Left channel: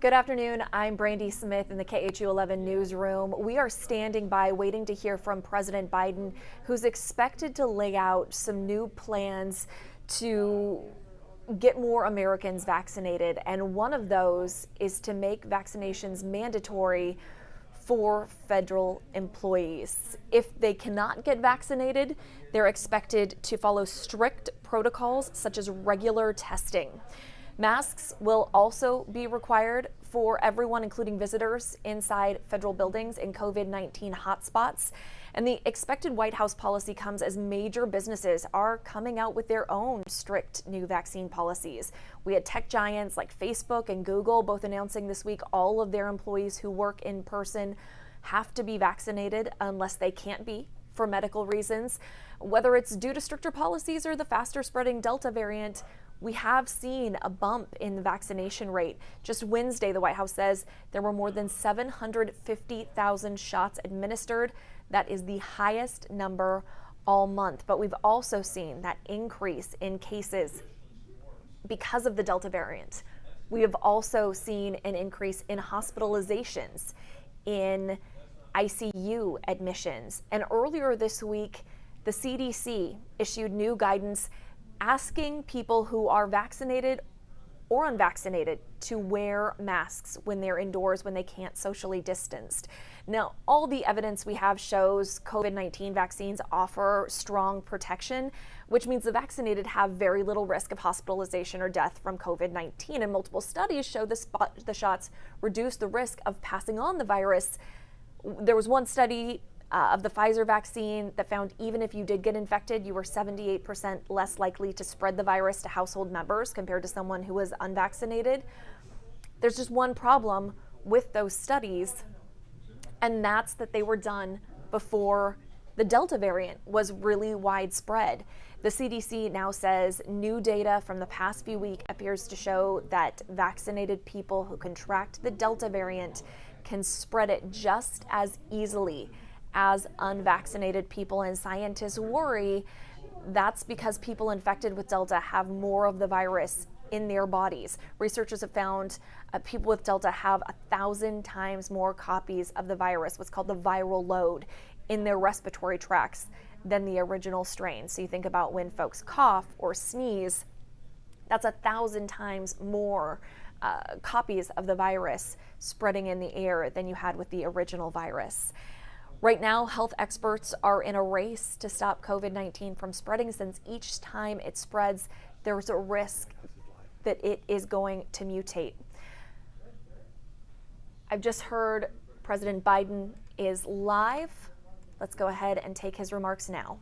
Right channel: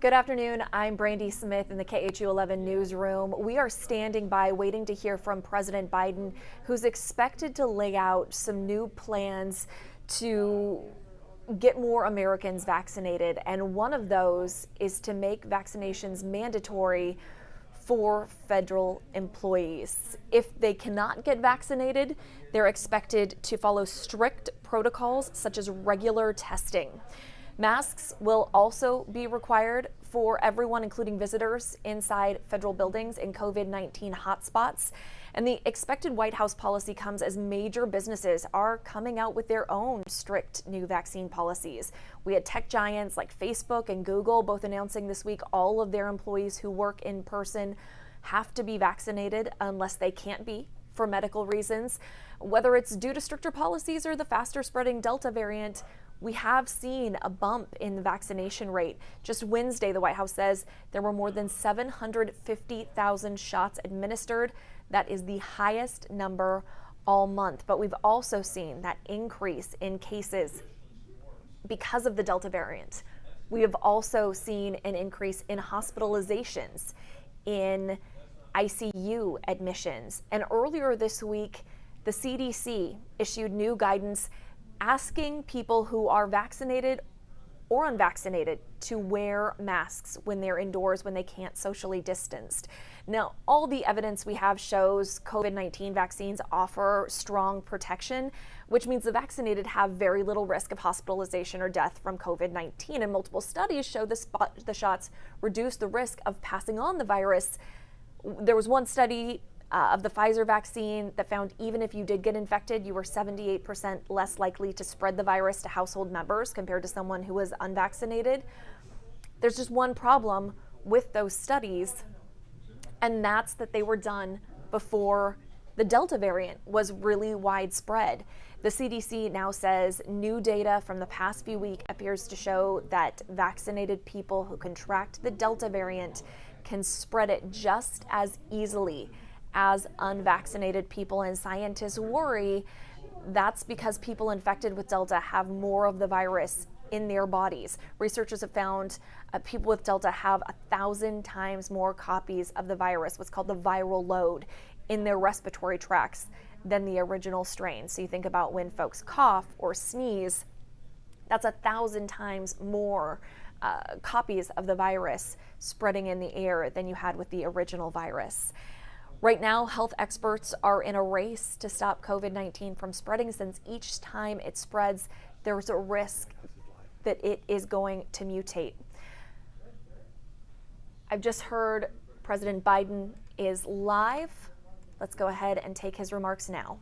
Good afternoon. I'm Brandy Smith in the KHU 11 newsroom. We are standing by waiting to hear from President Biden, who's expected to lay out some new plans to get more Americans vaccinated. And one of those is to make vaccinations mandatory for federal employees. If they cannot get vaccinated, they're expected to follow strict protocols such as regular testing. Masks will also be required for everyone, including visitors inside federal buildings in COVID-19 hotspots. And the expected White House policy comes as major businesses are coming out with their own strict new vaccine policies. We had tech giants like Facebook and Google both announcing this week all of their employees who work in person have to be vaccinated unless they can't be for medical reasons. Whether it's due to stricter policies or the faster spreading Delta variant, we have seen a bump in the vaccination rate. Just Wednesday, the White House says there were more than 750,000 shots administered. That is the highest number all month. But we've also seen that increase in cases because of the Delta variant. We have also seen an increase in hospitalizations, in ICU admissions. And earlier this week, the CDC issued new guidance asking people who are vaccinated or unvaccinated to wear masks when they're indoors, when they can't socially distance. Now, all the evidence we have shows COVID-19 vaccines offer strong protection, which means the vaccinated have very little risk of hospitalization or death from COVID-19. And multiple studies show the shots reduce the risk of passing on the virus. There was one study of the Pfizer vaccine that found even if you did get infected, you were 78% less likely to spread the virus to household members compared to someone who was unvaccinated. There's just one problem with those studies, and that's that they were done before the Delta variant was really widespread. The CDC now says new data from the past few weeks appears to show that vaccinated people who contract the Delta variant can spread it just as easily as unvaccinated people, and scientists worry that's because people infected with Delta have more of the virus in their bodies. Researchers have found people with Delta have 1,000 times more copies of the virus, what's called the viral load, in their respiratory tracts than the original strain. So you think about when folks cough or sneeze, that's 1,000 times more copies of the virus spreading in the air than you had with the original virus. Right now, health experts are in a race to stop COVID-19 from spreading, since each time it spreads, there's a risk that it is going to mutate. I've just heard President Biden is live. Let's go ahead and take his remarks now.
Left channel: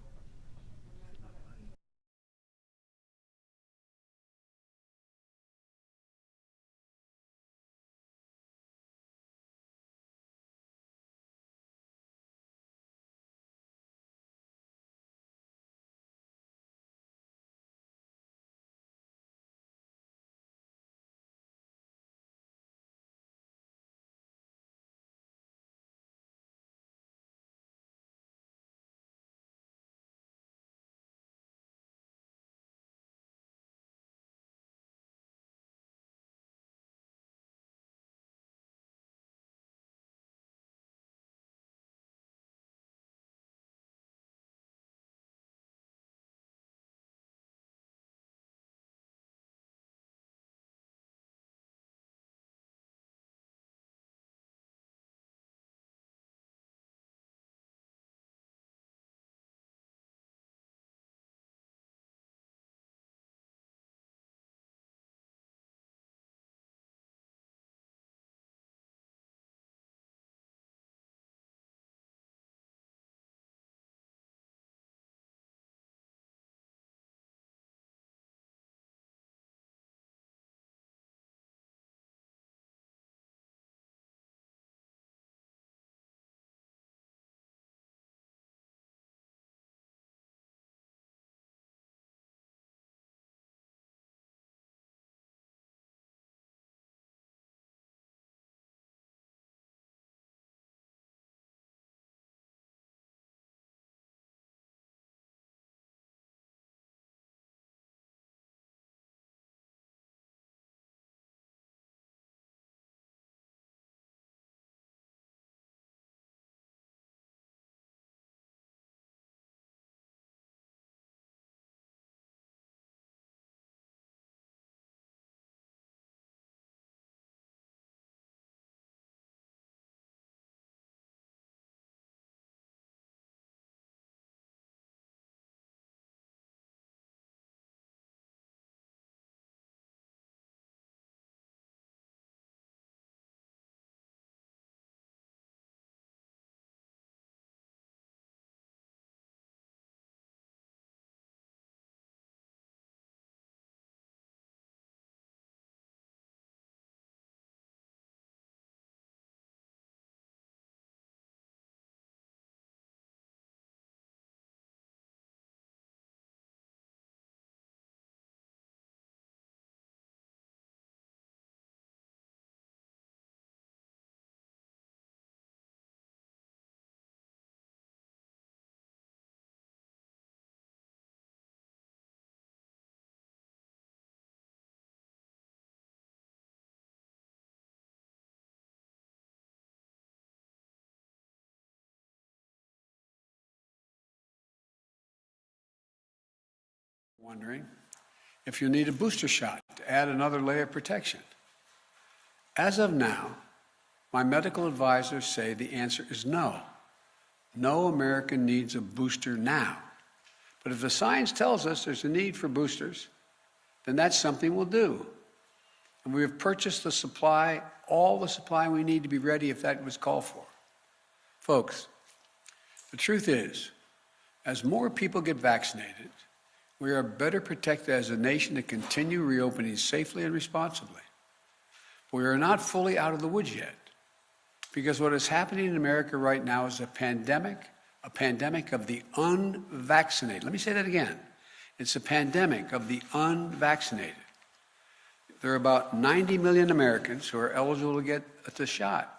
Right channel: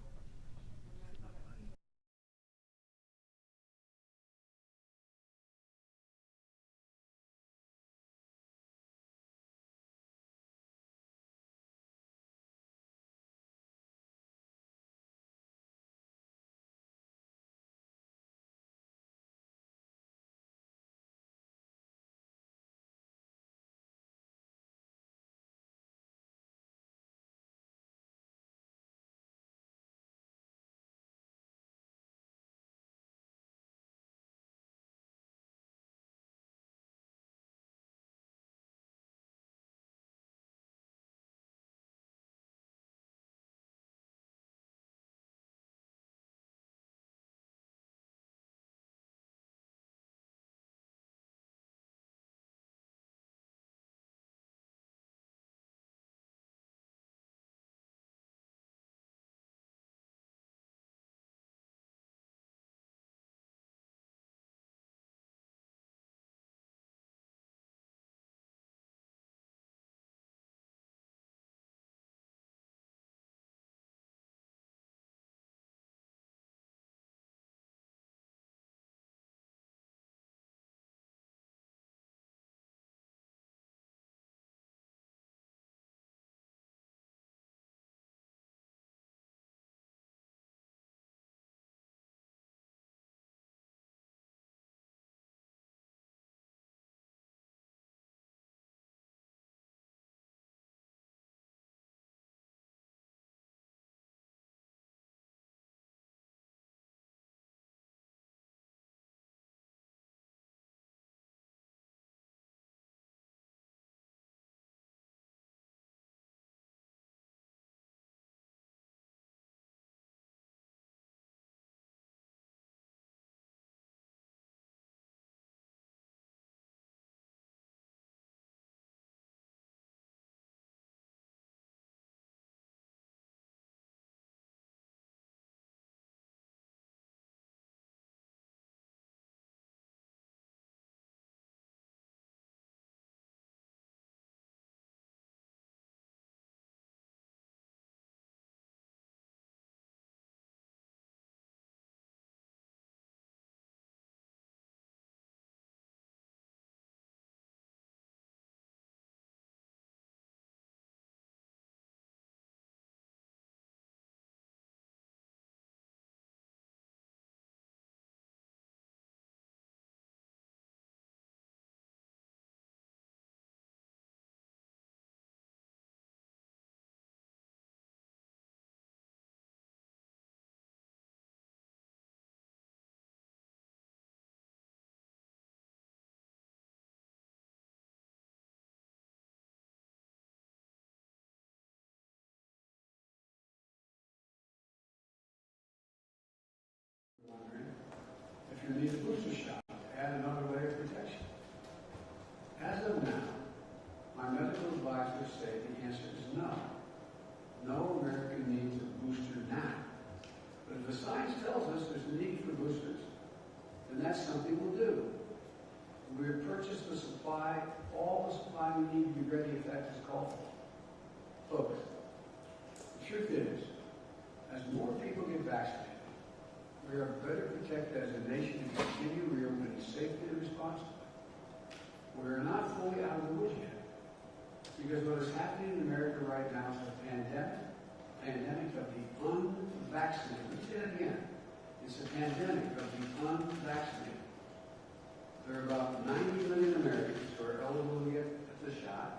Wondering if you need a booster shot to add another layer of protection. As of now, my medical advisors say the answer is no. No American needs a booster now. But if the science tells us there's a need for boosters, then that's something we'll do. And we have purchased the supply, all the supply we need to be ready if that was called for. Folks, the truth is, as more people get vaccinated, we are better protected as a nation to continue reopening safely and responsibly. We are not fully out of the woods yet, because what is happening in America right now is a pandemic of the unvaccinated. Let me say that again. It's a pandemic of the unvaccinated. There are about 90 million Americans who are eligible to get the shot,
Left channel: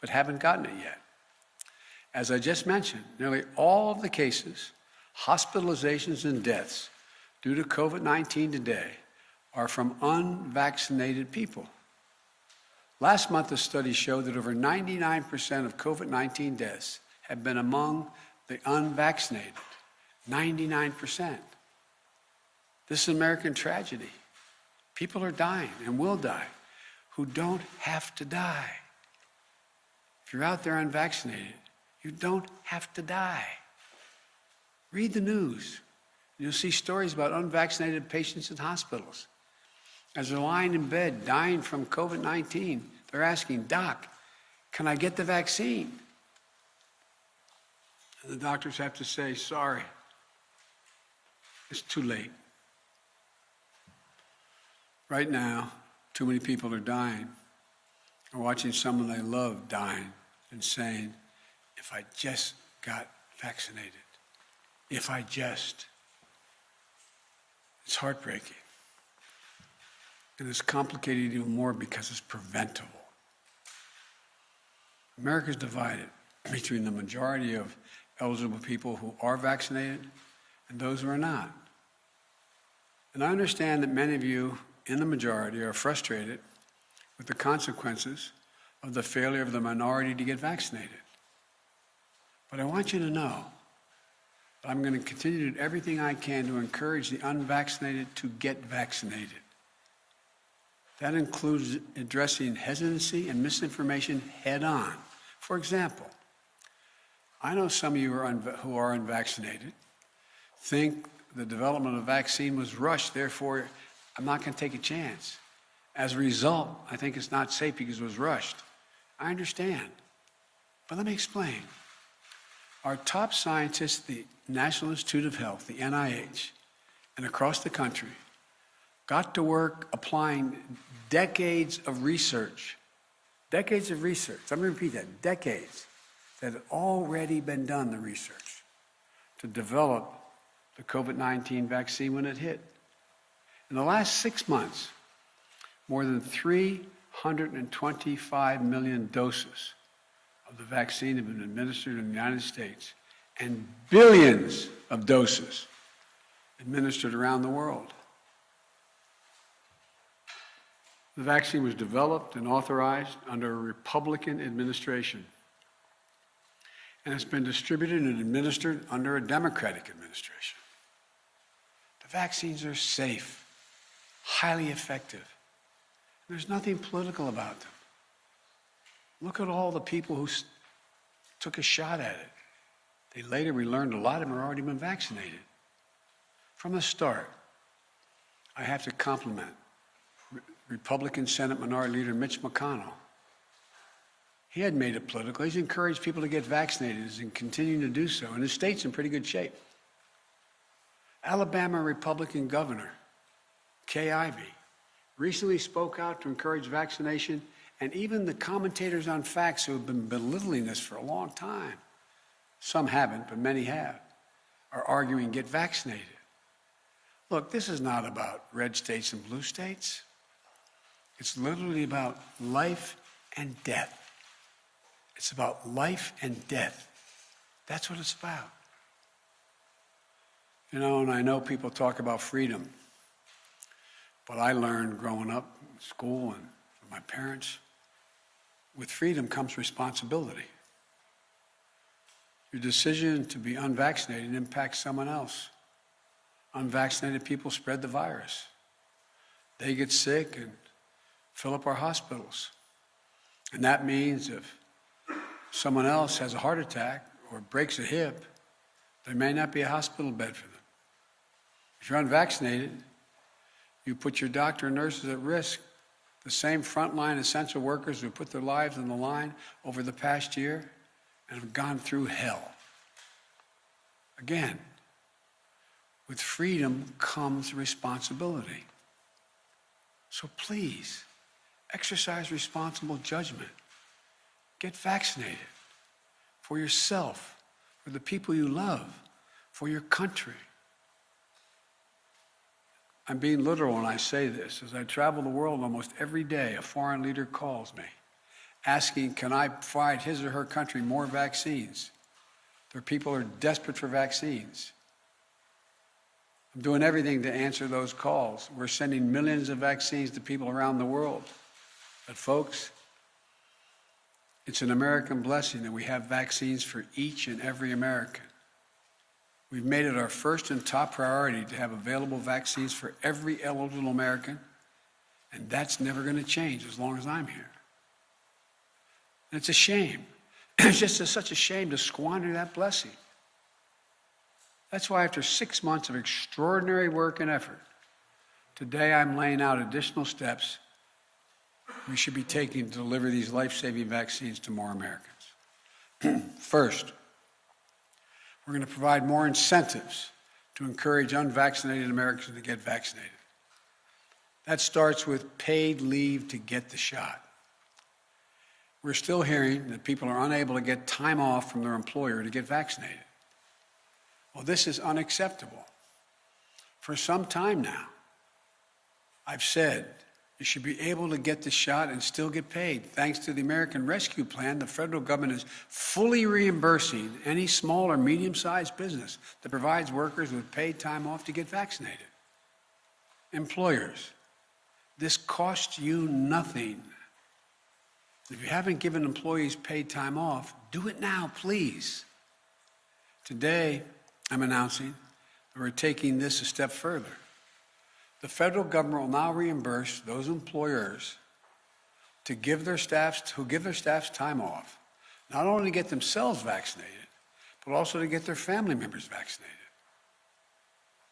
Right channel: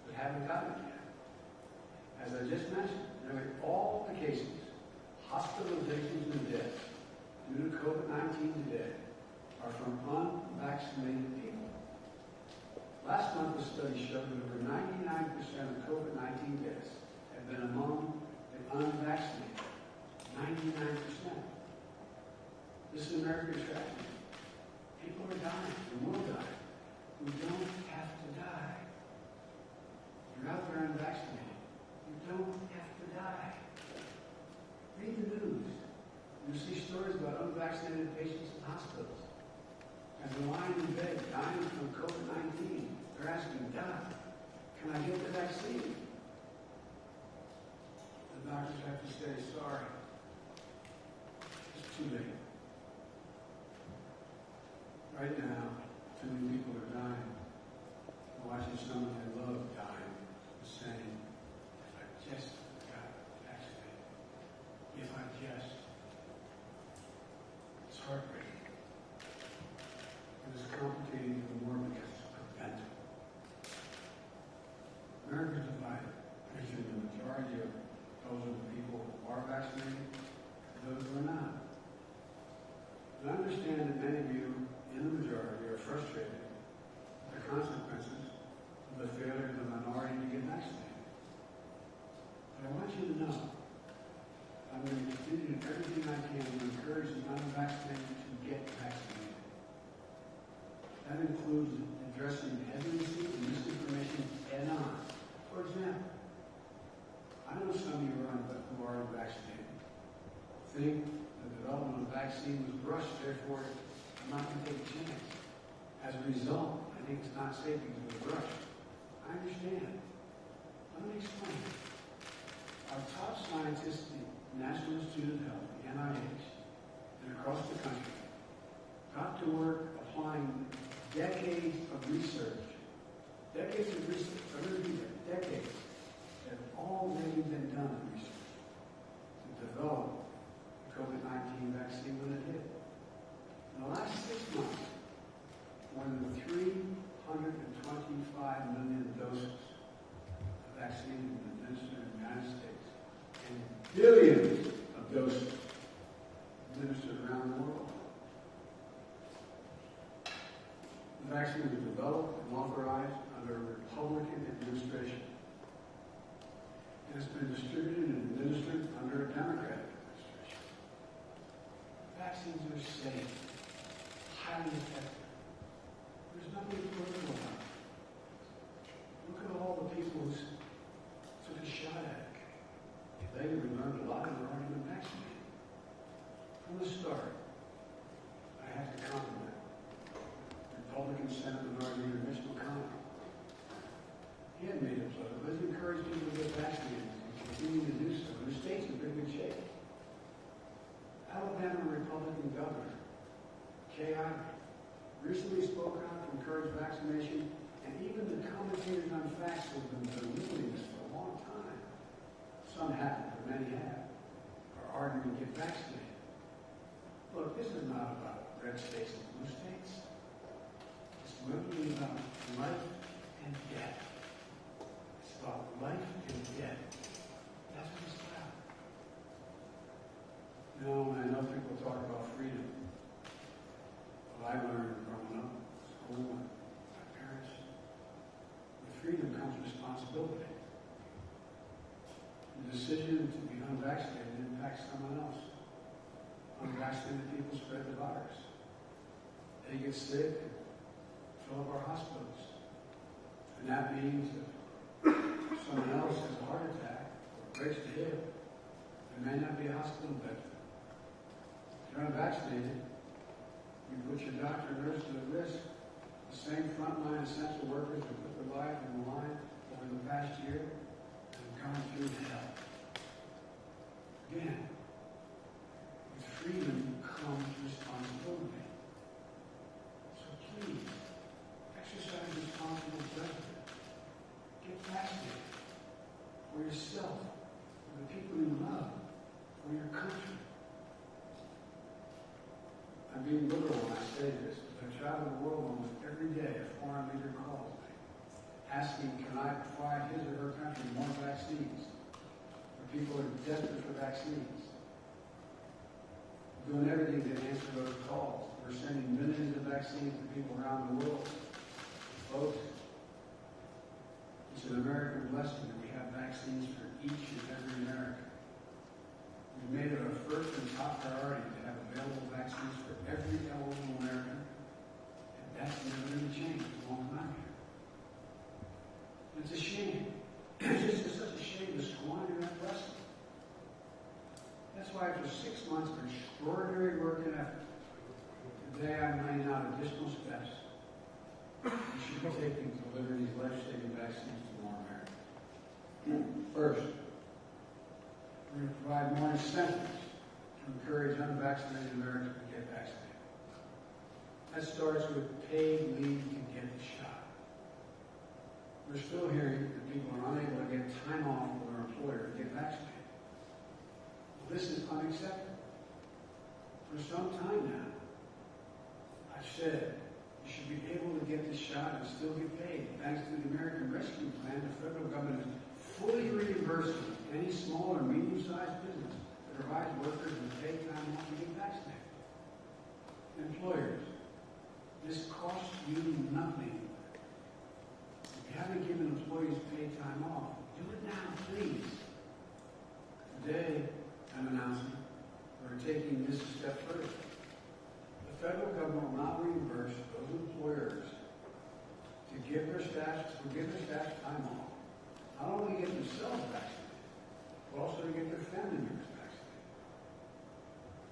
but haven't gotten it yet. As I just mentioned, nearly all of the cases, hospitalizations, and deaths due to COVID-19 today are from unvaccinated people. Last month, a study showed that over 99% of COVID-19 deaths have been among the unvaccinated. 99%. This is an American tragedy. People are dying and will die who don't have to die. If you're out there unvaccinated, you don't have to die. Read the news. You'll see stories about unvaccinated patients in hospitals. As they're lying in bed, dying from COVID-19, they're asking, "Doc, can I get the vaccine?" And the doctors have to say, "Sorry, it's too late." Right now, too many people are dying. We're watching someone they love dying and saying, "If I just got vaccinated, if I just." It's heartbreaking. And it's complicated even more because it's preventable. America's divided between the majority of eligible people who are vaccinated and those who are not. And I understand that many of you in the majority are frustrated with the consequences of the failure of the minority to get vaccinated. But I want you to know that I'm going to continue to do everything I can to encourage the unvaccinated to get vaccinated. That includes addressing hesitancy and misinformation head on. For example, I know some of you who are unvaccinated think the development of a vaccine was rushed, therefore I'm not going to take a chance. As a result, I think it's not safe because it was rushed. I understand. But let me explain. Our top scientists, the National Institute of Health, the NIH, and across the country, got to work applying decades of research. Decades of research. I'm going to repeat that. Decades that had already been done, the research, to develop the COVID-19 vaccine when it hit. In the last 6 months, more than 325 million doses of the vaccine have been administered in the United States, and billions of doses administered around the world. The vaccine was developed and authorized under a Republican administration, and it's been distributed and administered under a Democratic administration. The vaccines are safe, highly effective. There's nothing political about them. Look at all the people who took a shot at it. Later we learned a lot of them had already been vaccinated. From the start, I have to compliment Republican Senate Minority Leader Mitch McConnell. He had made it political. He's encouraged people to get vaccinated and continuing to do so, and his state's in pretty good shape. Alabama Republican Governor Kay Ivey recently spoke out to encourage vaccination, and even the commentators on facts who have been belittling this for a long time, some haven't, but many have, are arguing get vaccinated. Look, this is not about red states and blue states. It's literally about life and death. It's about life and death. That's what it's about. You know, and I know people talk about freedom, but I learned growing up in school and my parents, with freedom comes responsibility. Your decision to be unvaccinated impacts someone else. unvaccinated people spread the virus. They get sick and fill up our hospitals. And that means if someone else has a heart attack or breaks a hip, there may not be a hospital bed for them. If you're unvaccinated, you put your doctor and nurses at risk. The same frontline essential workers who put their lives on the line over the past year and have gone through hell. Again, with freedom comes responsibility. So please, exercise responsible judgment. Get vaccinated for yourself, for the people you love, for your country. I'm being literal when I say this. As I travel the world almost every day, a foreign leader calls me, asking, can I provide his or her country more vaccines? Their people are desperate for vaccines. I'm doing everything to answer those calls. We're sending millions of vaccines to people around the world. But folks, it's an American blessing that we have vaccines for each and every American. We've made it our first and top priority to have available vaccines for every eligible American, and that's never going to change as long as I'm here. And it's a shame. It's just such a shame to squander that blessing. That's why after 6 months of extraordinary work and effort, today I'm laying out additional steps we should be taking to deliver these life-saving vaccines to more Americans. First, we're going to provide more incentives to encourage unvaccinated Americans to get vaccinated. That starts with paid leave to get the shot. We're still hearing that people are unable to get time off from their employer to get vaccinated. Well, this is unacceptable. For some time now, I've said you should be able to get the shot and still get paid. Thanks to the American Rescue Plan, the federal government is fully reimbursing any small or medium-sized business that provides workers with paid time off to get vaccinated. Employers, this costs you nothing. If you haven't given employees paid time off, do it now, please. Today, I'm announcing that we're taking this a step further. The federal government will now reimburse those employers to give their staffs time off, not only to get themselves vaccinated, but also to get their family members vaccinated.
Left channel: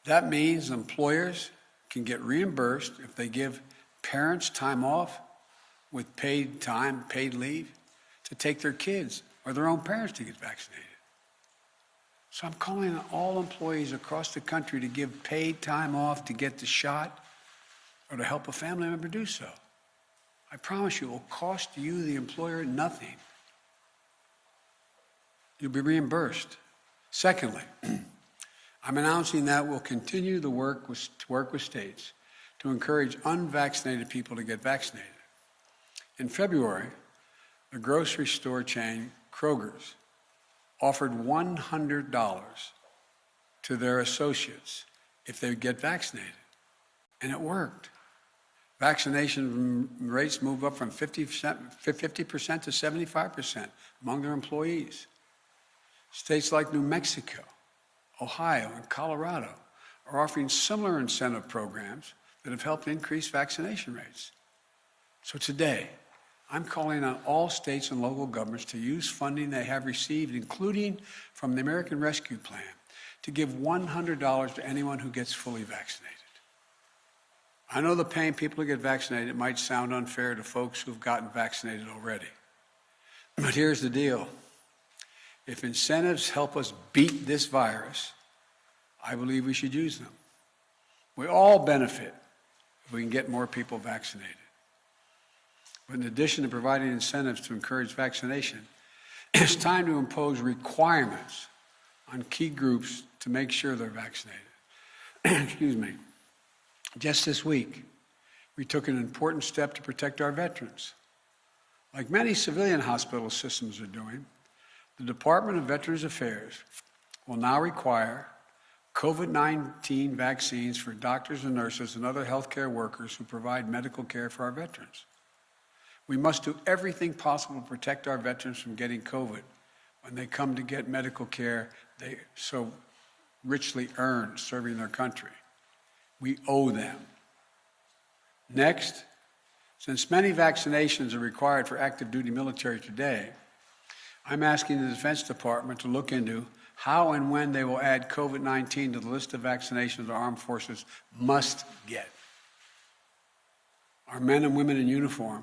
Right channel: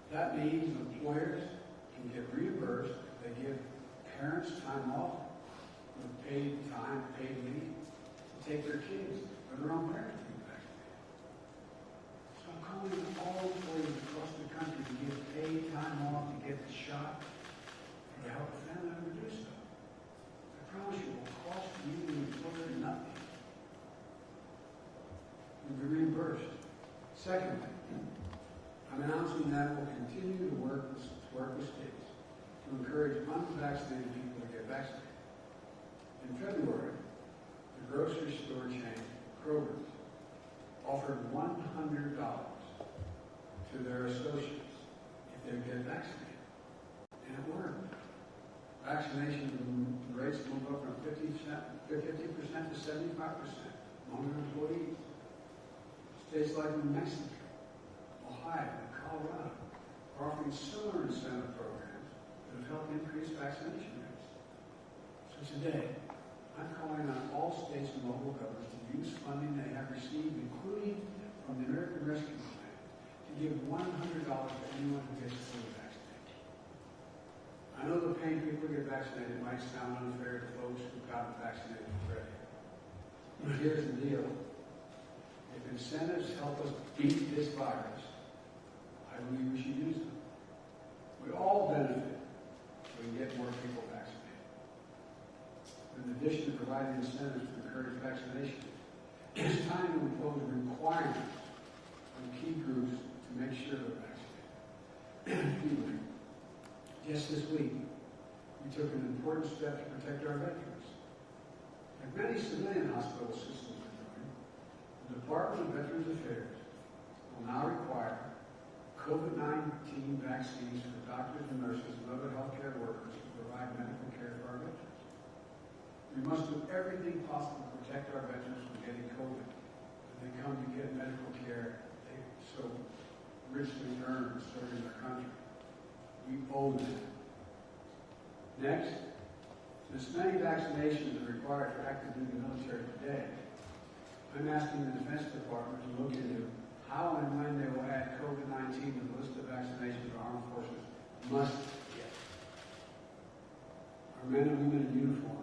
That means employers can get reimbursed if they give parents time off with paid time, paid leave, to take their kids or their own parents to get vaccinated. So I'm calling on all employees across the country to give paid time off to get the shot or to help a family member do so. I promise you it will cost you, the employer, nothing. You'll be reimbursed. Secondly, I'm announcing that we'll continue to work with states to encourage unvaccinated people to get vaccinated. In February, the grocery store chain, Kroger's, offered $100 to their associates if they would get vaccinated. And it worked. Vaccination rates moved up from 50% to 75% among their employees. States like New Mexico, Ohio, and Colorado are offering similar incentive programs that have helped increase vaccination rates. So today, I'm calling on all states and local governments to use funding they have received, including from the American Rescue Plan, to give $100 to anyone who gets fully vaccinated. I know the paying people to get vaccinated might sound unfair to folks who've gotten vaccinated already. But here's the deal. If incentives help us beat this virus, I believe we should use them. We all benefit if we can get more people vaccinated. But in addition to providing incentives to encourage vaccination, it's time to impose requirements on key groups to make sure they're vaccinated. Excuse me. Just this week, we took an important step to protect our veterans. Like many civilian hospital systems are doing, the Department of Veterans Affairs will now require COVID-19 vaccines for doctors and nurses and other healthcare workers who provide medical care for our veterans. We must do everything possible to protect our veterans from getting COVID when they come to get medical care so richly earned serving their country. We owe them. Next, since many vaccinations are required for active duty military today, I'm asking the Defense Department to look into how and when they will add COVID-19 to the list of vaccinations our armed forces must get. Our men and women in uniform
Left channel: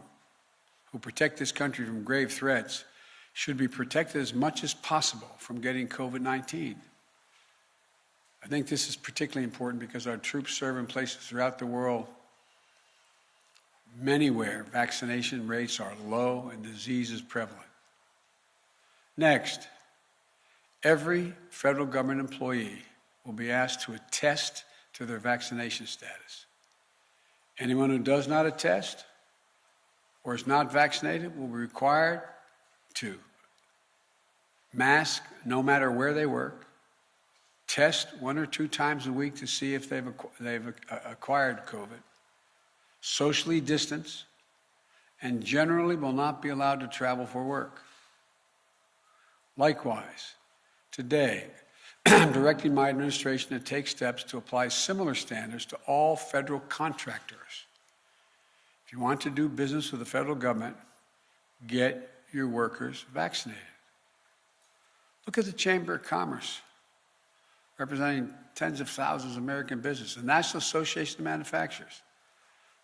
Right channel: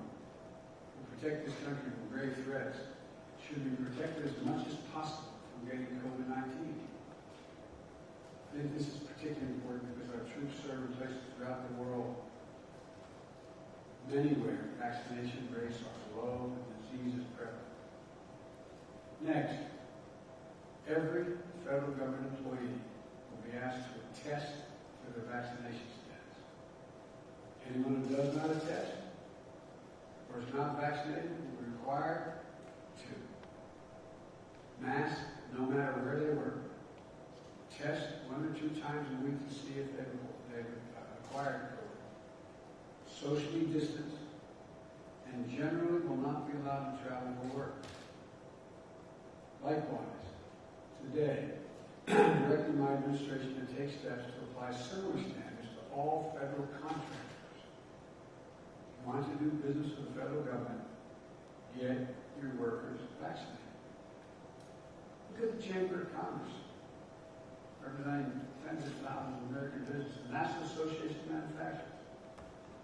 who protect this country from grave threats should be protected as much as possible from getting COVID-19. I think this is particularly important because our troops serve in places throughout the world, many where vaccination rates are low and disease is prevalent. Next, every federal government employee will be asked to attest to their vaccination status. Anyone who does not attest or is not vaccinated will be required to mask no matter where they work, test 1 or 2 times a week to see if they've acquired COVID, socially distance, and generally will not be allowed to travel for work. Likewise, today, I'm directing my administration to take steps to apply similar standards to all federal contractors. If you want to do business with the federal government, get your workers vaccinated. Look at the Chamber of Commerce, representing tens of thousands of American businesses, the National Association of Manufacturers.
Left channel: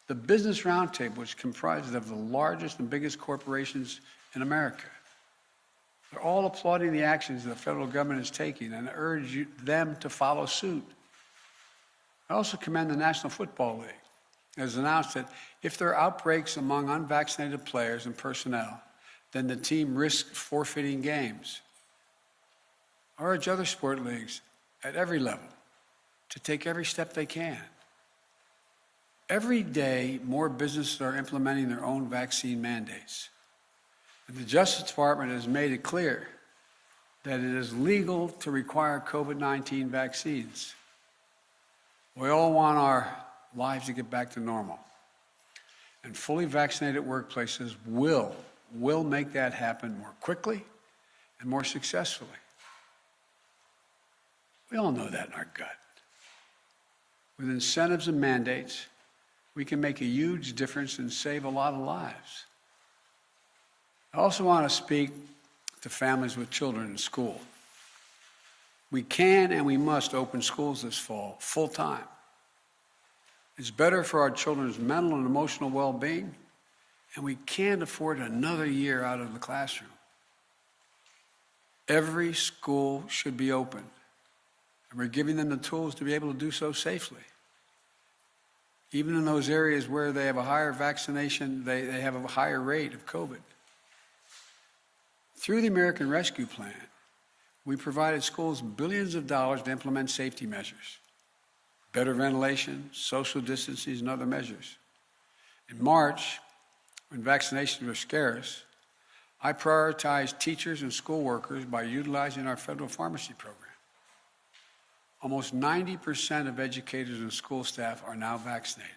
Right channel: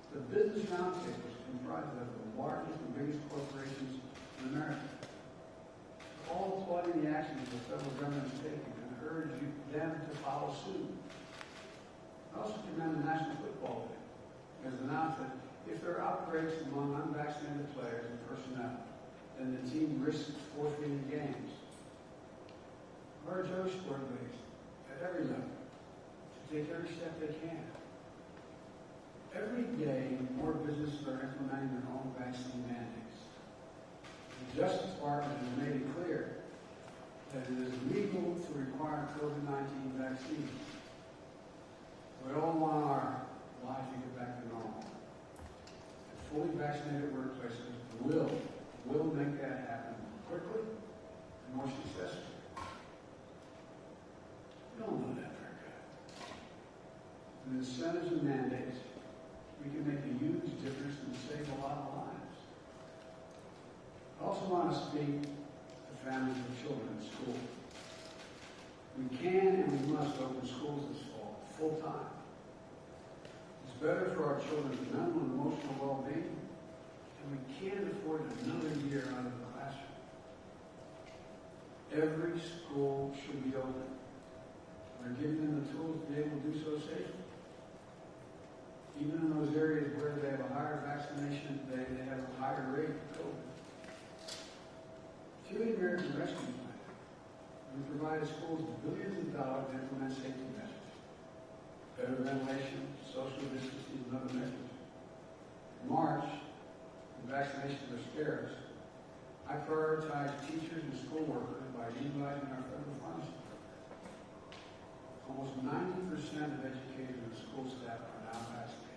The Business Roundtable is comprised of the largest and biggest corporations in America. They're all applauding the actions the federal government is taking and urge them to follow suit. I also commend the National Football League. It has announced that if there are outbreaks among unvaccinated players and personnel, then the team risks forfeiting games. I urge other sport leagues at every level to take every step they can. Every day, more businesses are implementing their own vaccine mandates. And the Justice Department has made it clear that it is legal to require COVID-19 vaccines. We all want our lives to get back to normal. And fully vaccinated workplaces will make that happen more quickly and more successfully. We all know that in our gut. With incentives and mandates, we can make a huge difference and save a lot of lives. I also want to speak to families with children in school. We can and we must open schools this fall, full time. It's better for our children's mental and emotional well-being, and we can't afford another year out of the classroom. Every school should be open, and we're giving them the tools to be able to do so safely. Even in those areas where they have a higher vaccination, they have a higher rate of COVID. Through the American Rescue Plan, we provided schools billions of dollars to implement safety measures, better ventilation, social distancing, and other measures. In March, when vaccinations were scarce, I prioritized teachers and school workers by utilizing our federal pharmacy program. Almost 90% of educators and school staff are now vaccinated.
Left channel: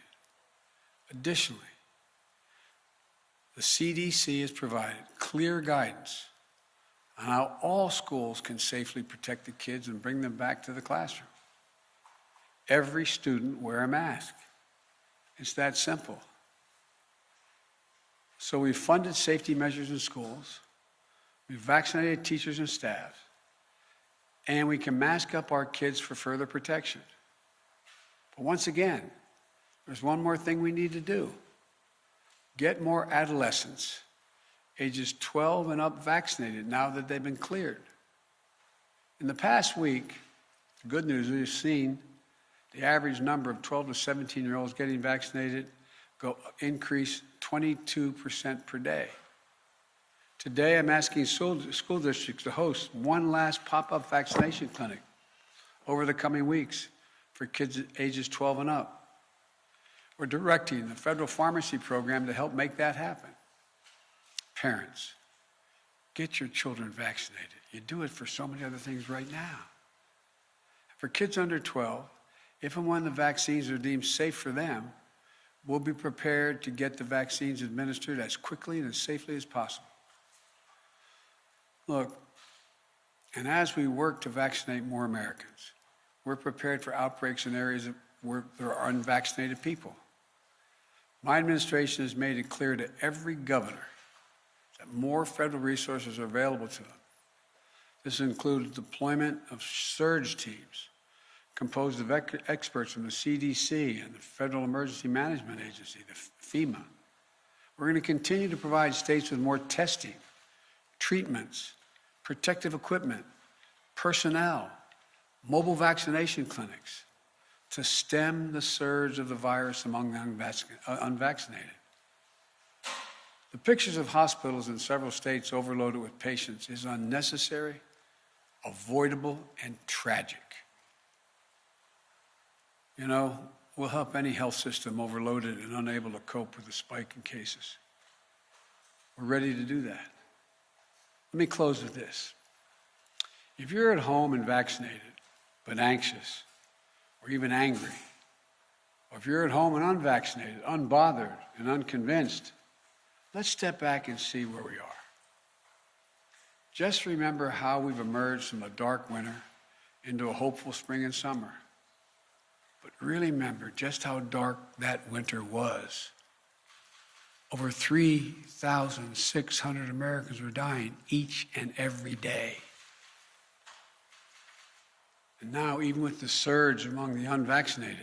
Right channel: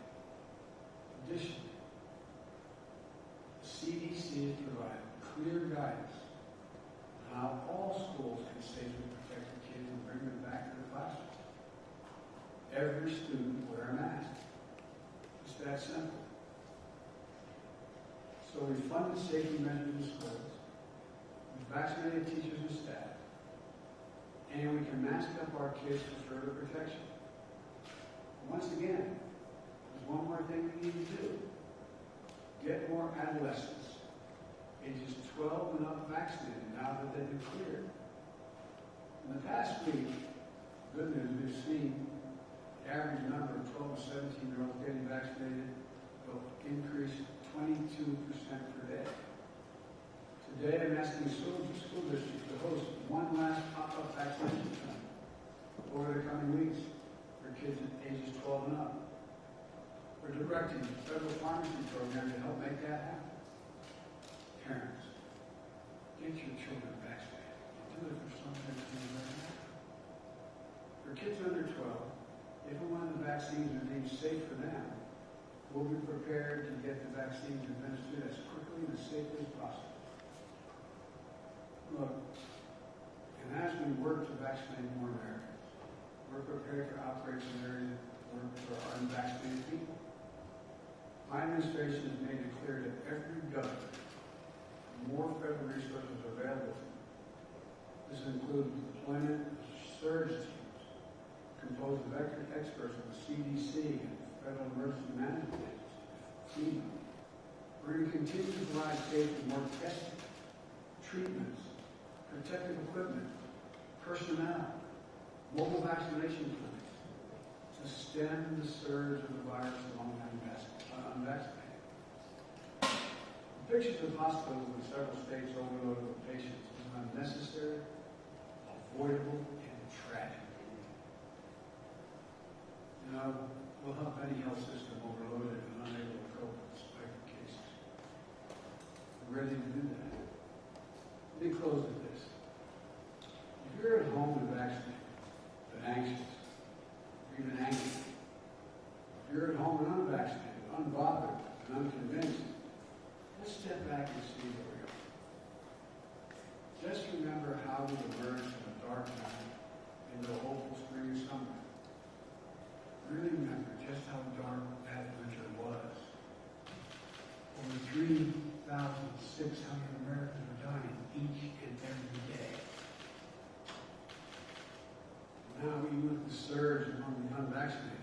Additionally, the CDC has provided clear guidance on how all schools can safely protect the kids and bring them back to the classroom. Every student wear a mask. It's that simple. So we've funded safety measures in schools, we've vaccinated teachers and staff, and we can mask up our kids for further protection. But once again, there's one more thing we need to do. Get more adolescents, ages 12 and up, vaccinated now that they've been cleared. In the past week, the good news is we've seen the average number of 12 to 17-year-olds getting vaccinated increase 22% per day. Today, I'm asking school districts to host one last pop-up vaccination clinic over the coming weeks for kids ages 12 and up. We're directing the federal pharmacy program to help make that happen. Parents, get your children vaccinated. You do it for so many other things right now. For kids under 12, if and when the vaccines are deemed safe for them, we'll be prepared to get the vaccines administered as quickly and as safely as possible. Look, and as we work to vaccinate more Americans, we're prepared for outbreaks in areas where there are unvaccinated people. My administration has made it clear to every governor that more federal resources are available to them. This includes deployment of surge teams composed of experts from the CDC and the Federal Emergency Management Agency, the FEMA. We're going to continue to provide states with more testing, treatments, protective equipment, personnel, mobile vaccination clinics to stem the surge of the virus among the unvaccinated. The pictures of hospitals in several states overloaded with patients is unnecessary, avoidable, and tragic. You know, we'll help any health system overloaded and unable to cope with a spike in cases. We're ready to do that. Let me close with this. If you're at home and vaccinated, but anxious, or even angry, or if you're at home and unvaccinated, unbothered, and unconvinced, let's step back and see where we are. Just remember how we've emerged from a dark winter into a hopeful spring and summer. But really remember just how dark that winter was. Over 3,600 Americans were dying each and every day. And now, even with the surge among the unvaccinated,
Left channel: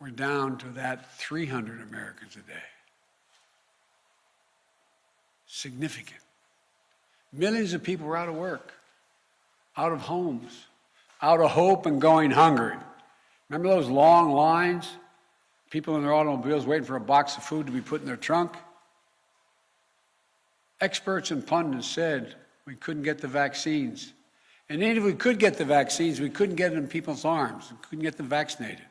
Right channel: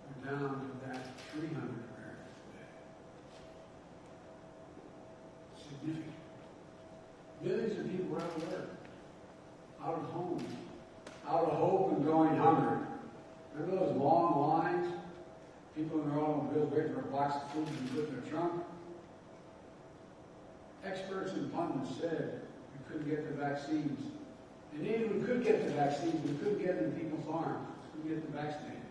we're down to that 300 Americans a day. Significant. Millions of people were out of work, out of homes, out of hope and going hungry. Remember those long lines? People in their automobiles waiting for a box of food to be put in their trunk? Experts and pundits said we couldn't get the vaccines. And even if we could get the vaccines, we couldn't get them in people's arms. We couldn't get them vaccinated.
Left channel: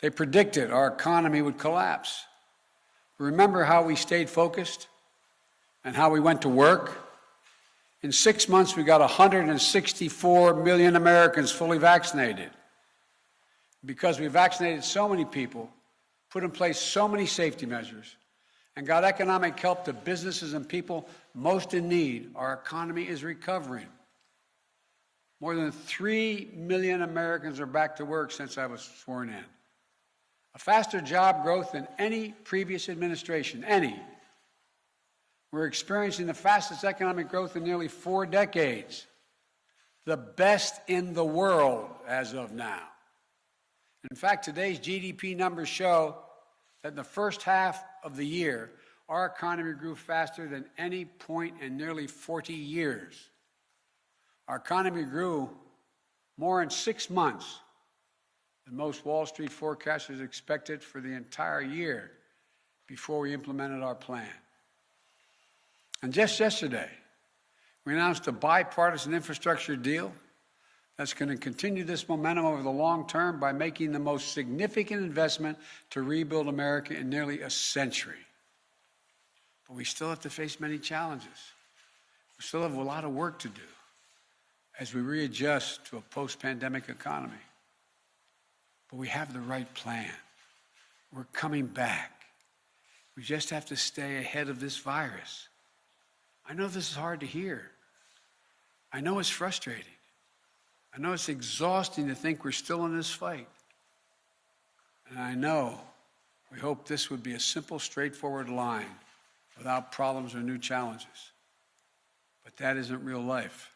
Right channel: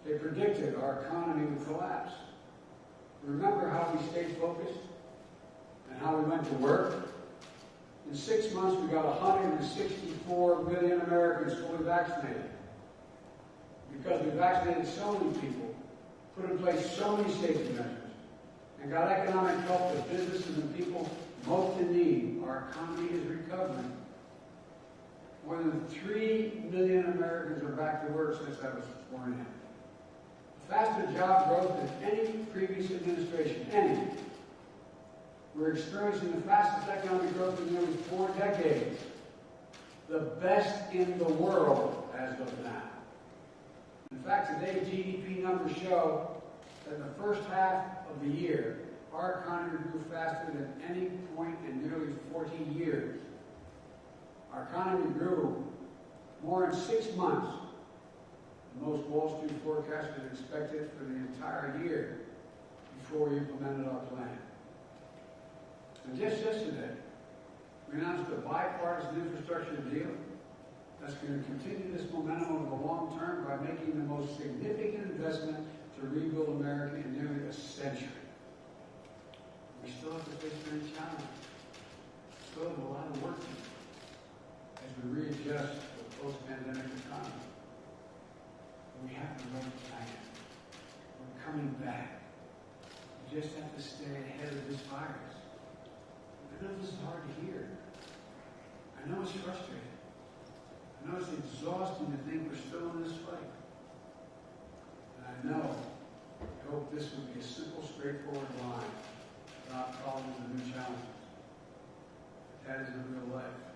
They predicted our economy would collapse. Remember how we stayed focused and how we went to work? In 6 months, we got 164 million Americans fully vaccinated. Because we vaccinated so many people, put in place so many safety measures, and got economic help to businesses and people most in need, our economy is recovering. More than 3 million Americans are back to work since I was sworn in. A faster job growth than any previous administration, any. We're experiencing the fastest economic growth in nearly 4 decades, the best in the world as of now. In fact, today's GDP numbers show that in the first half of the year, our economy grew faster than any point in nearly 40 years. Our economy grew more in 6 months than most Wall Street forecasters expected for the entire year before we implemented our plan. And just yesterday, we announced a bipartisan infrastructure deal that's going to continue this momentum over the long term by making the most significant investment to rebuild America in nearly a century. But we still have to face many challenges. We still have a lot of work to do as we readjust to a post-pandemic economy. But we have the right plan. We're coming back. We just have to stay ahead of this virus. I know this is hard to hear. I know it's frustrating. I know it's exhausting to think we're still in this fight. And I know we hope this would be a simple, straightforward line without problems or new challenges. But that isn't real life.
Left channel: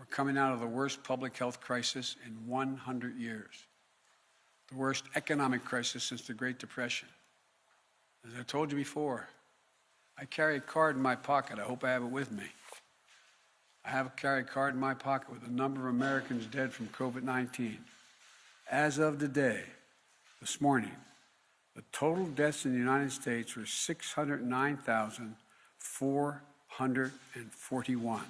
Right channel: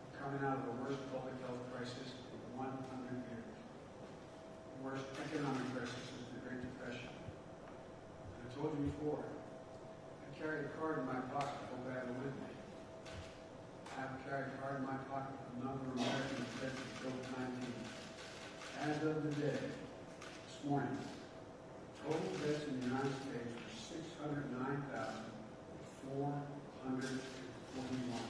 We're coming out of the worst public health crisis in 100 years, the worst economic crisis since the Great Depression. As I told you before, I carry a card in my pocket. I hope I have it with me. I carry a card in my pocket with the number of Americans dead from COVID-19. As of today, this morning, the total deaths in the United States were 609,441.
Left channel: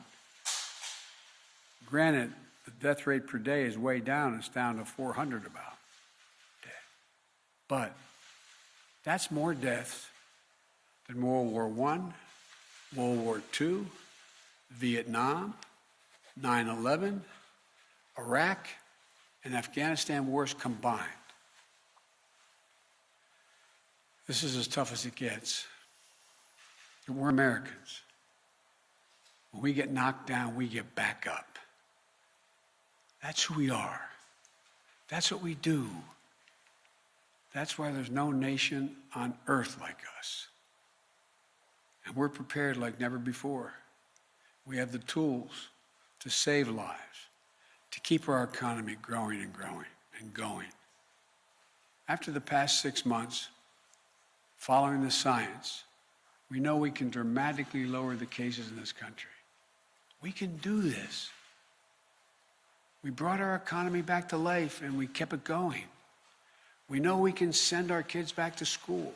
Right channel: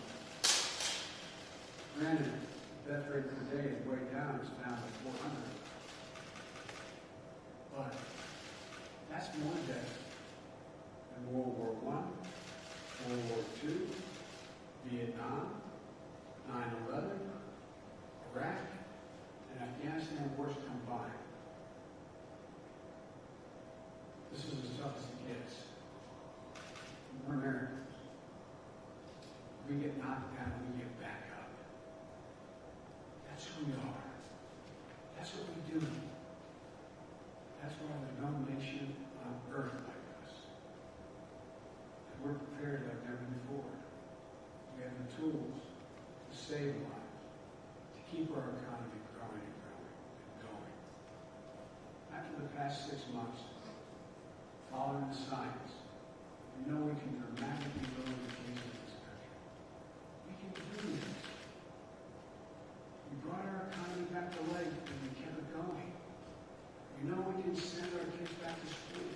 Granted, the death rate per day is way down. It's down to 400 about. But that's more deaths than World War I, World War II, Vietnam, 9/11, Iraq, and Afghanistan wars combined. This is as tough as it gets. And we're Americans. When we get knocked down, we get back up. That's who we are. That's what we do. That's why there's no nation on earth like us. And we're prepared like never before. We have the tools to save lives, to keep our economy growing and growing and going. After the past 6 months, following the science, we know we can dramatically lower the cases in this country. We can do this. We brought our economy back to life and we kept it going. We know we can send our kids back to school.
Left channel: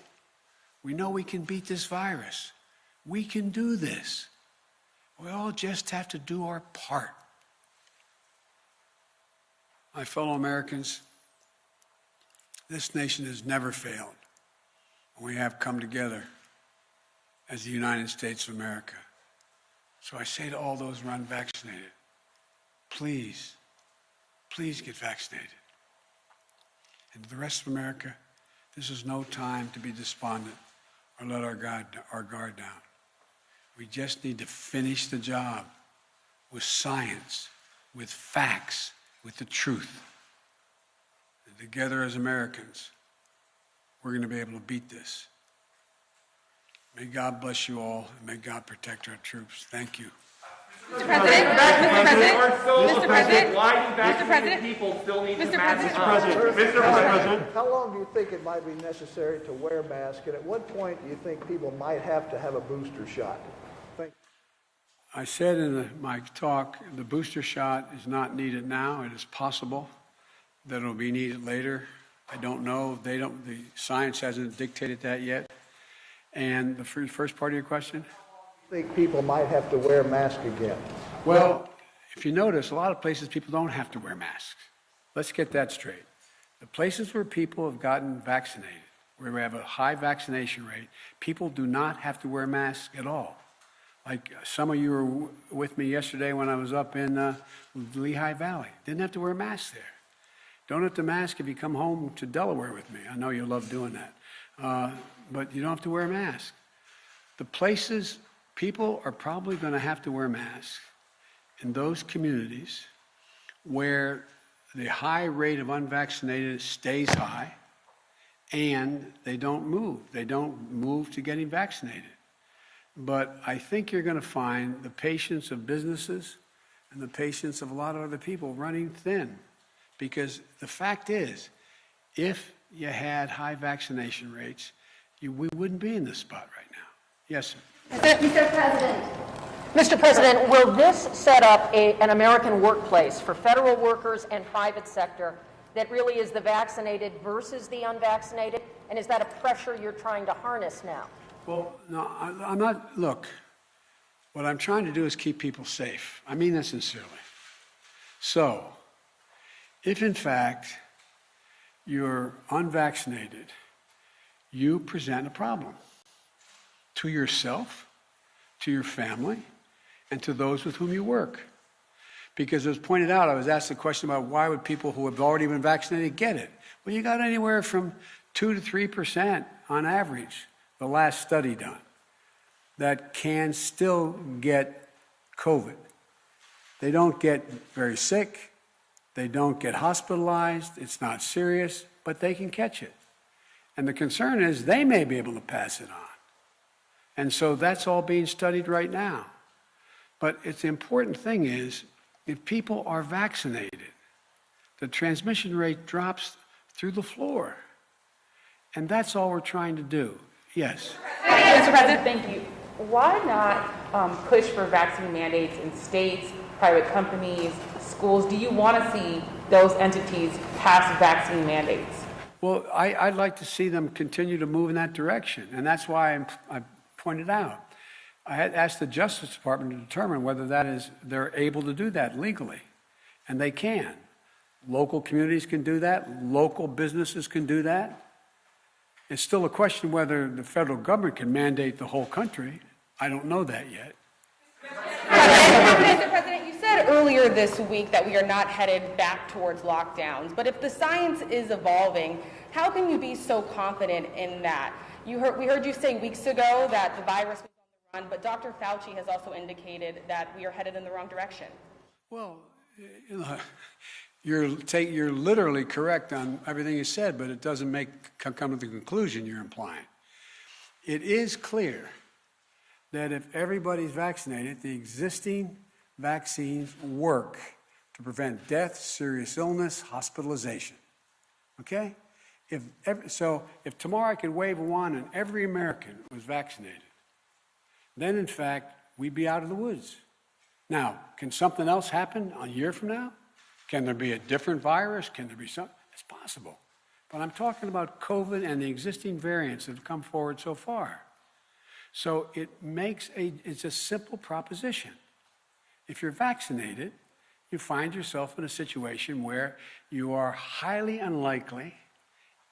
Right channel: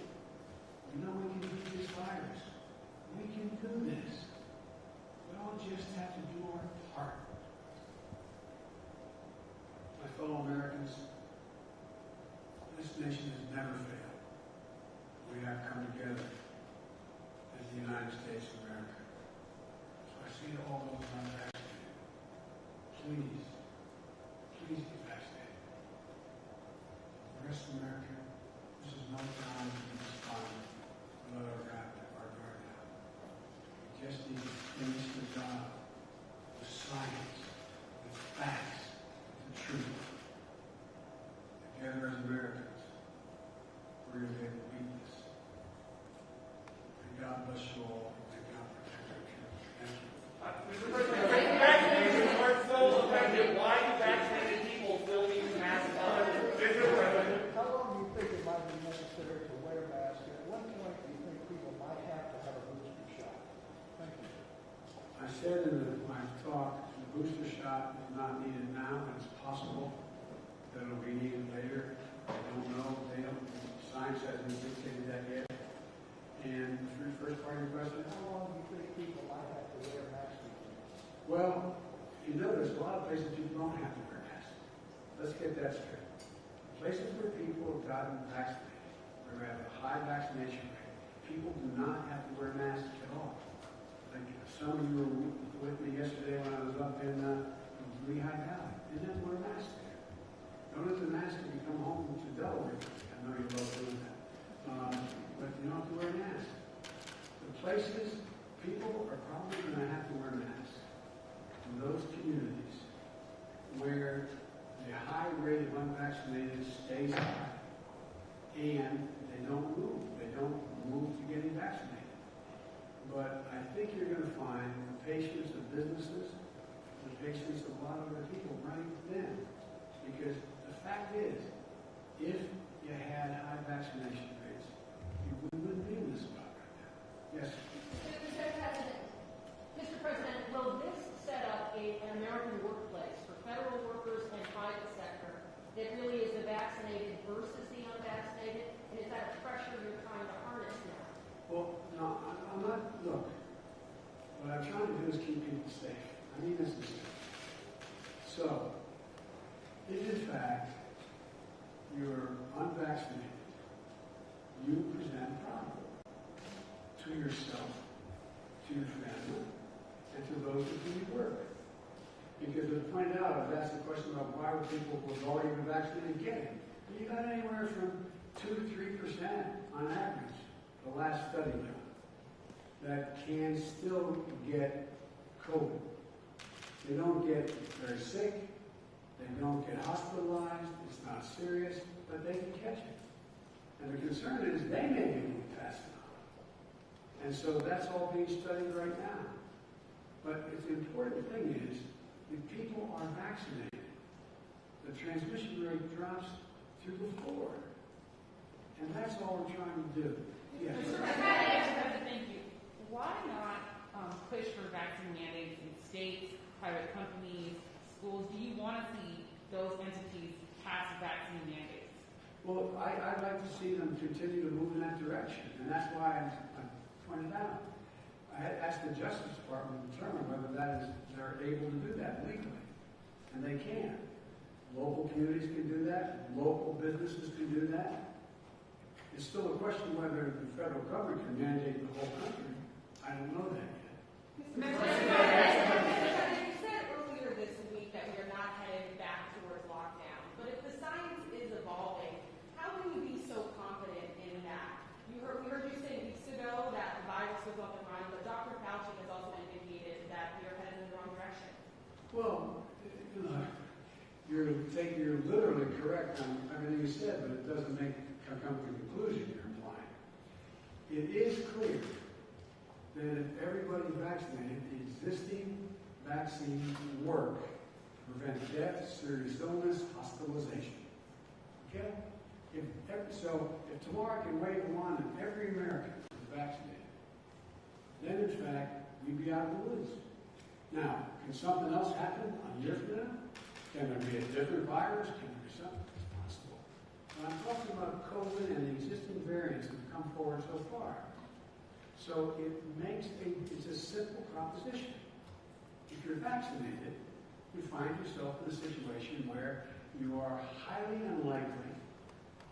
We know we can beat this virus. We can do this. We all just have to do our part. My fellow Americans, this nation has never failed. We have come together as the United States of America. So I say to all those who are unvaccinated, please, please get vaccinated. And to the rest of America, this is no time to be despondent or let our guard down. We just need to finish the job with science, with facts, with the truth. And together as Americans, we're going to be able to beat this. May God bless you all, and may God protect our troops. Thank you. Mr. President, Mr. President, Why do Mr. vaccinated President, people still need to Mr. mask President. up? Mr. President. How long do you think it might be necessary to wear a mask, and at what point do you think people might have to have a booster shot? Thank you. I said in my talk, the booster shot is not needed now. It is possible that it will be needed later. I don't know. The science hasn't dictated that yet. And the first part of your question? How long do you think people might have to wear a mask again? Well, if you notice, a lot of places people don't have to wear masks. Let's get that straight. The places where people have gotten vaccinated, where we have a high vaccination rate, people do not have to wear masks at all. Like some of you were with me yesterday when I was up in Lehigh Valley. Didn't have to wear a mask there. Don't have to mask if you come home to Delaware with me. I know you love doing that. But you don't have to wear a mask. The places people are probably going to have to wear masks in those communities where the high rate of unvaccinated stays high and they don't move. They don't move to getting vaccinated. But I think you're going to find the patience of businesses and the patience of a lot of other people running thin. Because the fact is, if you had high vaccination rates, we wouldn't be in this spot right now. Yes, sir. Mr. President. Mr. President, will this set up an American workplace for federal workers and private sector that really is the vaccinated versus the unvaccinated? And is that a pressure you're trying to harness now? Well, no, I'm not. Look, what I'm trying to do is keep people safe. I mean that sincerely. So, if in fact you're unvaccinated, you present a problem to yourself, to your family, and to those with whom you work. Because as pointed out, I was asked the question about why would people who have already been vaccinated get it? Well, you got anywhere from 2 to 3% on average, the last study done, that can still get COVID. They don't get very sick. They don't get hospitalized. It's not serious, but they can catch it. And the concern is they may be able to pass it on. And so that's all being studied right now. But the important thing is, if people are vaccinated, the transmission rate drops through the floor. And that's all we're trying to do. Yes. Mr. President, thank you. Why not push for vaccine mandates in states, private companies, schools? Do you want to see those entities pass vaccine mandates? Well, I'd like to see them continue to move in that direction, and that's why I pointed out. I had asked the Justice Department to determine whether they're able to do that legally, and they can. Local communities can do that. Local businesses can do that. It's still a question whether the federal government can mandate the whole country. I don't know that yet. Mr. President, you said earlier this week that we are not headed back towards lockdowns, but if the science is evolving, how can you be so confident in that? We heard you say weeks ago that the virus was going on, but Dr. Fauci has also indicated that we are headed in the wrong direction. Well, You're literally correct on everything you said, but it doesn't come to the conclusion you're implying. It is clear that if everybody's vaccinated, the existing vaccines work to prevent death, serious illness, hospitalization. Okay? If tomorrow I could wave a wand and every American was vaccinated, then in fact we'd be out of the woods. Now, can something else happen a year from now? Can there be a different virus? Can there be something? It's possible. But I'm talking about COVID and the existing variants that have come forward so far. So it's a simple proposition. If you're vaccinated, you find yourself in a situation where you are highly unlikely,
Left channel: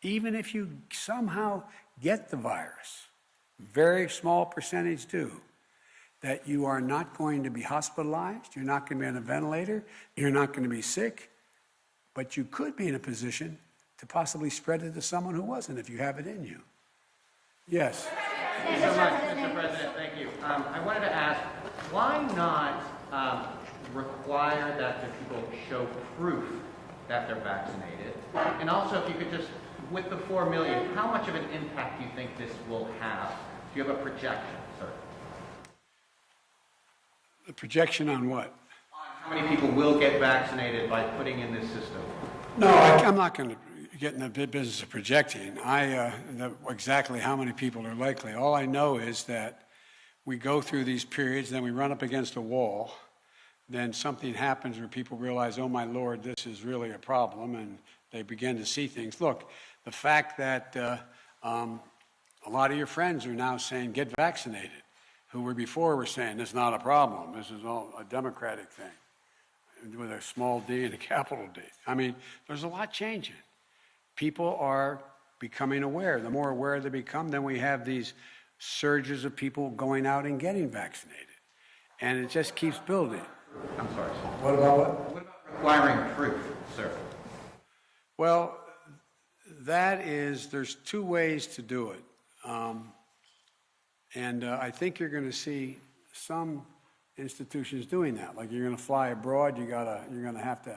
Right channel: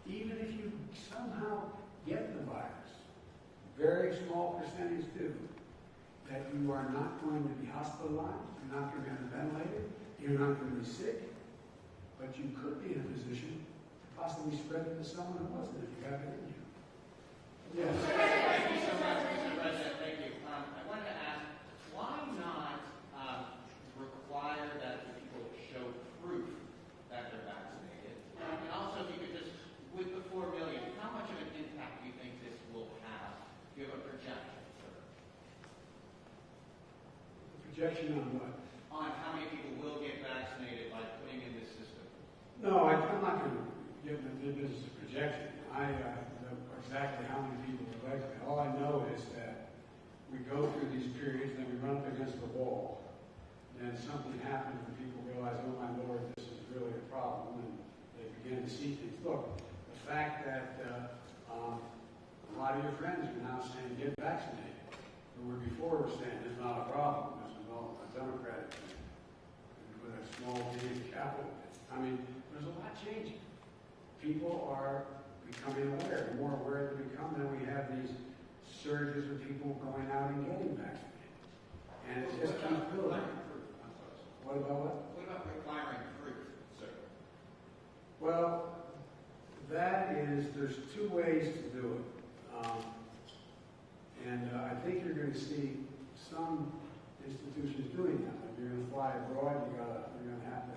even if you somehow get the virus, very small percentage do, that you are not going to be hospitalized, you're not going to be on a ventilator, you're not going to be sick, but you could be in a position to possibly spread it to someone who wasn't if you have it in you. Yes? Thank you so much, Mr. President. Thank you. I wanted to ask, why not require that the people show proof that they're vaccinated? And also, if you could just, with the 4 million, how much of an impact do you think this will have? Do you have a projection, sir? The projection on what? On how many people will get vaccinated by putting in this system? No, I'm not going to get in the business of projecting. Exactly how many people are likely. All I know is that we go through these periods, then we run up against a wall, then something happens where people realize, oh my Lord, this is really a problem, and they begin to see things. Look, the fact that a lot of your friends are now saying, get vaccinated, who were before were saying, this is not a problem, this is all a Democratic thing, with a small d and a capital D. I mean, there's a lot changing. People are becoming aware. The more aware they become, then we have these surges of people going out and getting vaccinated. And it just keeps building. I'm sorry, sir. What about what? What about requiring proof, sir? Well, there's two ways to do it. I think you're going to see some institutions doing that. Like you're going to fly abroad, you're going to have to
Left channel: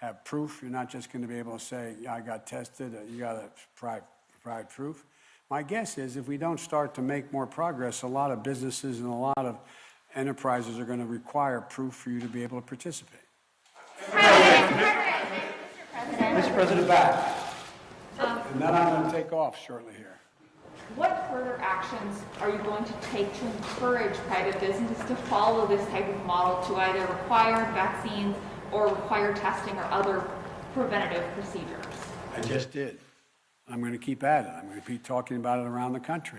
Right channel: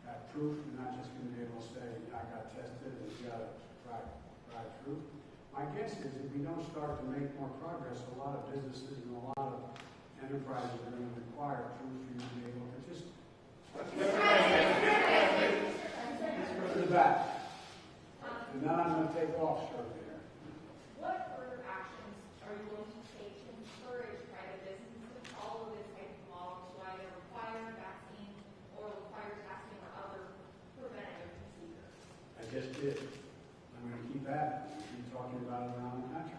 have proof. You're not just going to be able to say, yeah, I got tested. You got to provide proof. My guess is if we don't start to make more progress, a lot of businesses and a lot of enterprises are going to require proof for you to be able to participate. Mr. President, back. And then I'm going to take off shortly here. What further actions are you going to take to encourage private businesses to follow this type of model to either require vaccines or require testing or other preventative procedures? I just did. I'm going to keep at it. I'm going to be talking about it around the country.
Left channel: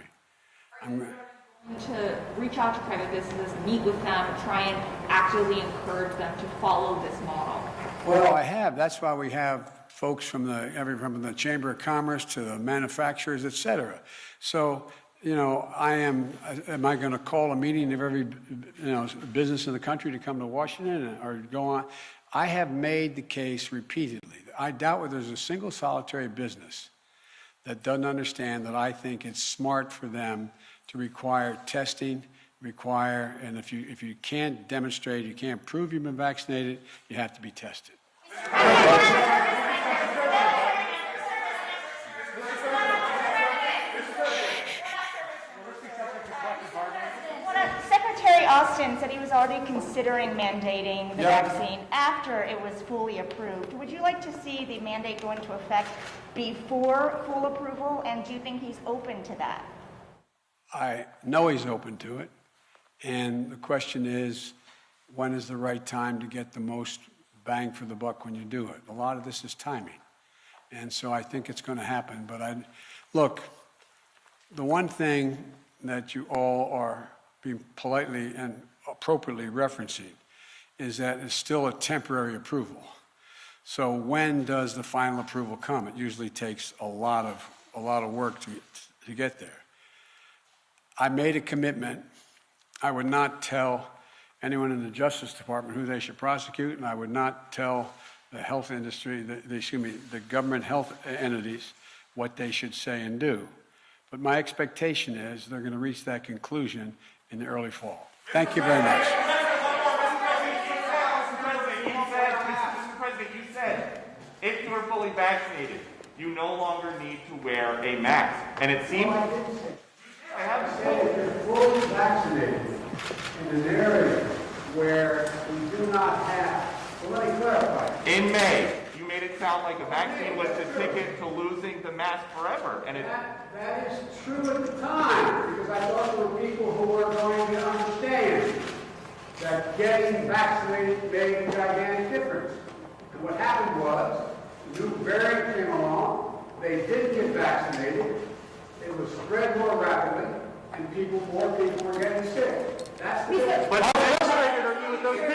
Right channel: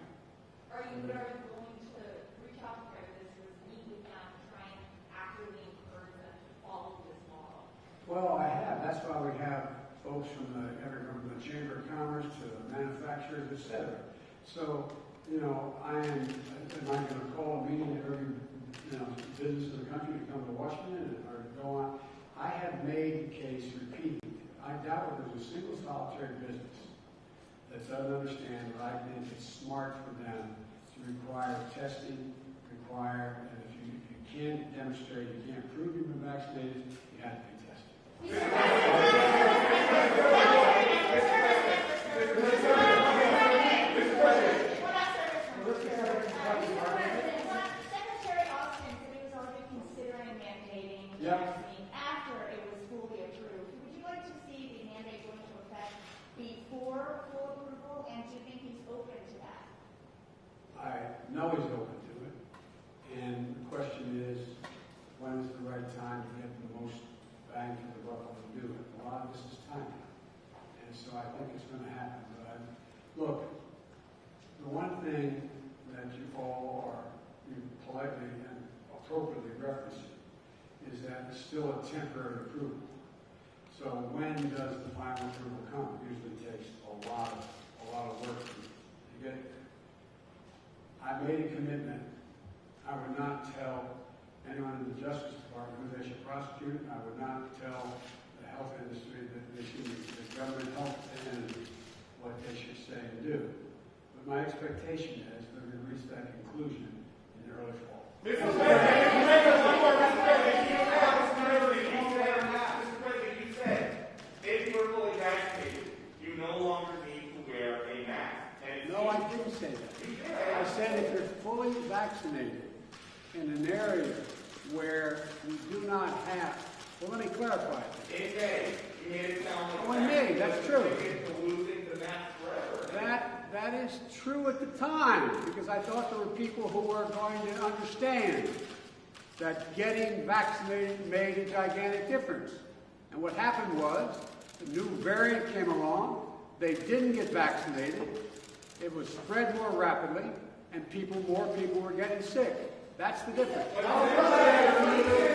Are you going to reach out to private businesses, meet with them, try and actively encourage them to follow this model? Well, I have. That's why we have folks from the Chamber of Commerce to the manufacturers, et cetera. So, am I going to call a meeting of every, business in the country to come to Washington or go on? I have made the case repeatedly. I doubt whether there's a single solitary business that doesn't understand that I think it's smart for them to require testing, and if you can't demonstrate, you can't prove you've been vaccinated, you have to be tested. Secretary Austin said he was already considering mandating the vaccine after it was fully approved. Would you like to see the mandate go into effect before full approval, and do you think he's open to that? I know he's open to it, and the question is, when is the right time to get the most bang for the buck when you do it? A lot of this is timing, and so I think it's going to happen. But look, the one thing that you all are being politely and appropriately referencing is that it's still a temporary approval. So when does the final approval come? It usually takes a lot of work to get there. I made a commitment. I would not tell anyone in the Justice Department who they should prosecute, and I would not tell the health industry, the government health entities, what they should say and do. But my expectation is they're going to reach that conclusion in the early fall. Thank you very much. Mr. President, you said you no longer need to wear a mask. And it seems... No, I didn't say. I have said if you're fully vaccinated in an area where we do not have, well, let me clarify. In May, you made it sound like a vaccine was the ticket to losing the mask forever. And That is true at the time, because I thought there were people who were going to understand that getting vaccinated made a gigantic difference. And what happened was, a new variant came along, they didn't get vaccinated, it was spread more rapidly, and more people were getting sick. That's the difference. But